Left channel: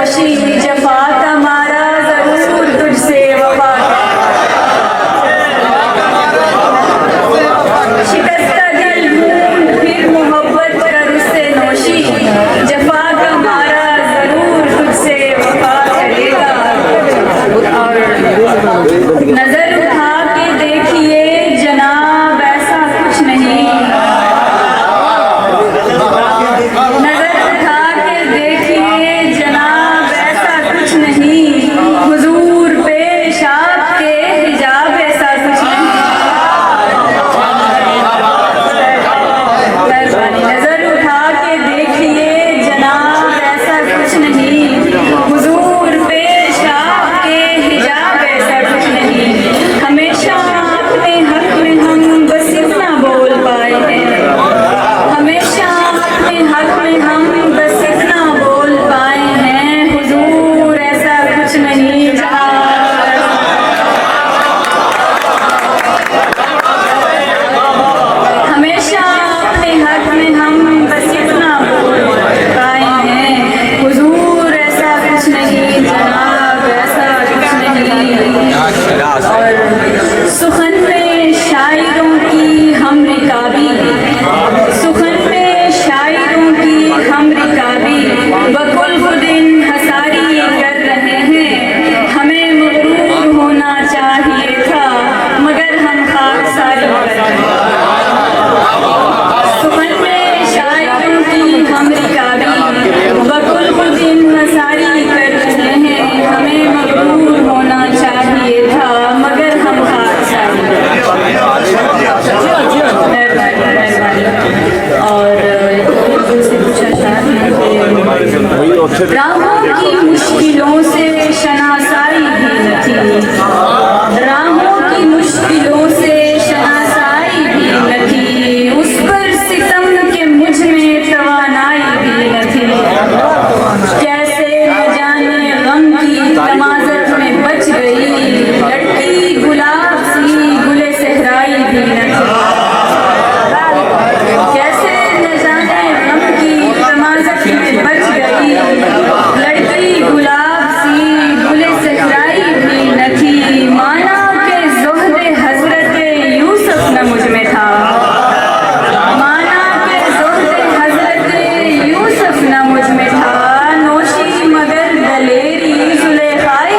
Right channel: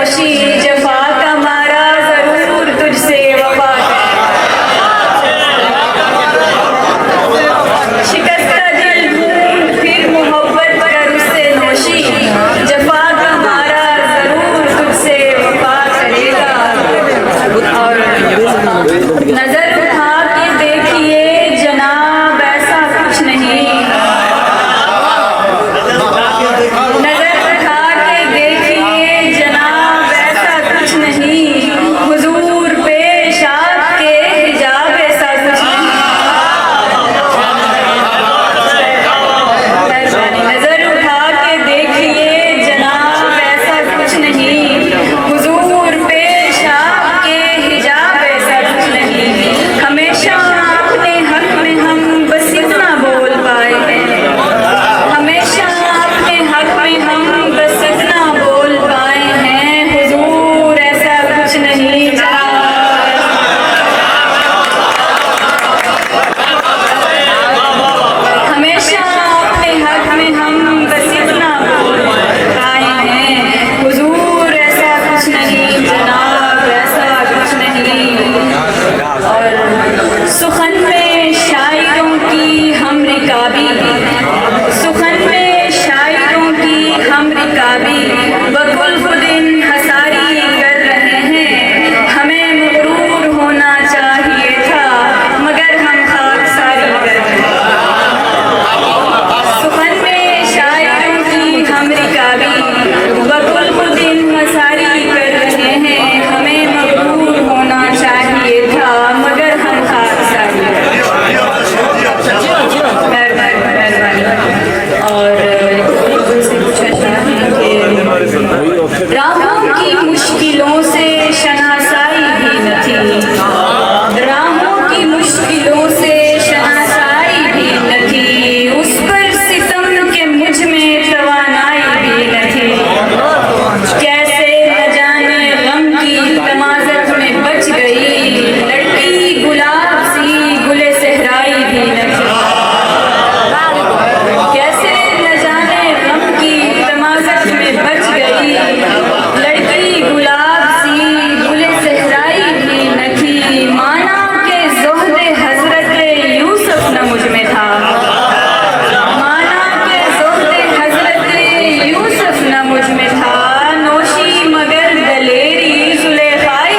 नौशी जफा का मारा जरूर तुझसे वफा शिकस्ता दिल ढूंढ फिर मोहब्बत कर उससे नौशी जफा का मारा जरूर तुझसे वफा करेगा। और नजर उठा के देखिए जनाब ऐसा कुछ नहीं नजर उठा के देखिए जनाब ऐसा कुछ नहीं हुजूर पेश आपके हिजाब ऐसा कुछ नहीं नजर उठा के देखिए जनाब ऐसा कुछ नहीं हुजूर पेश आपके हिजाब ऐसा कुछ नहीं। हमेशा अपने हक में हम बस इतना बोल पाए हैं हमेशा अपने हक में हम बस इतना बोल पाए हैं हुजूर ऐसा कुछ नहीं हमेशा अपने हक में हम बस इतना बोल पाए हैं हुजूर ऐसा कुछ नहीं जनाब ऐसा कुछ नहीं। और सुखन में शायरों की हम रिकाबी सुखन में शायरों की हम रिकाबी बकुल खुदिन हसारी कर रहे हैं हमें मगरूर होना चाहिए था मगर हम खाकसारी कर रहे हैं। सुखन में शायरों की हम रिकाबी बकुल खुदिन हसारी कर रहे हैं हमें मगरूर होना चाहिए था मगर हम खाकसारी मेहरबानी। और राहों की मुश्किलों से शनासाई भी न थी राहों की मुश्किलों से शनासाई भी न थी उस पर सितम के मुझ में तवानाई भी न थी कैसे न जाने गम की तमाज़त में बच गई लड़की गुलाब सी गुले सहराई भी न थी कैसे न जाने गम की तमाज़त में बच गई लड़की गुलाब सी गुले सहराई भी न थी। माना के ज़ोहरे हज़रत यूसुफ न मुझ में था माना के ज़ोहरे हज़रत यूसुफ न मुझ में था नौशी मगर दलेरी जुलेखाई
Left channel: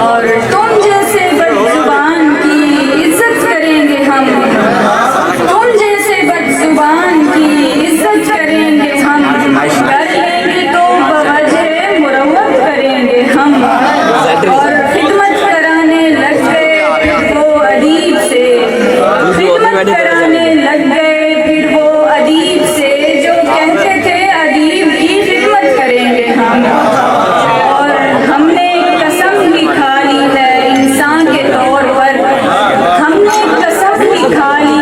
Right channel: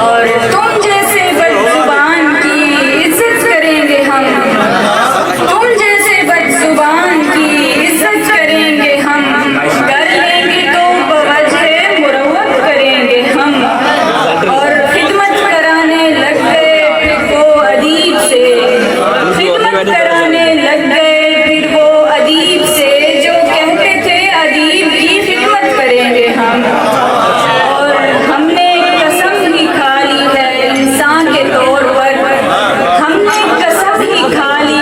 और तुम जैसे बदजुबान की इज्जत करेंगे हम तुम जैसे बदजुबान की इज्जत करेंगे हम कर लेंगे तो बवजह मुरव्वत करेंगे हम। और खिदमत कराने लग गए फिर वो अदीब से खिदमत कराने लग गए फिर वो अदीब से जो कहते थे अदीब की खिदमत करेंगे हम। और हमने कसम ही खा ली है इंसान के तौर पर हमने कसम ही खा ली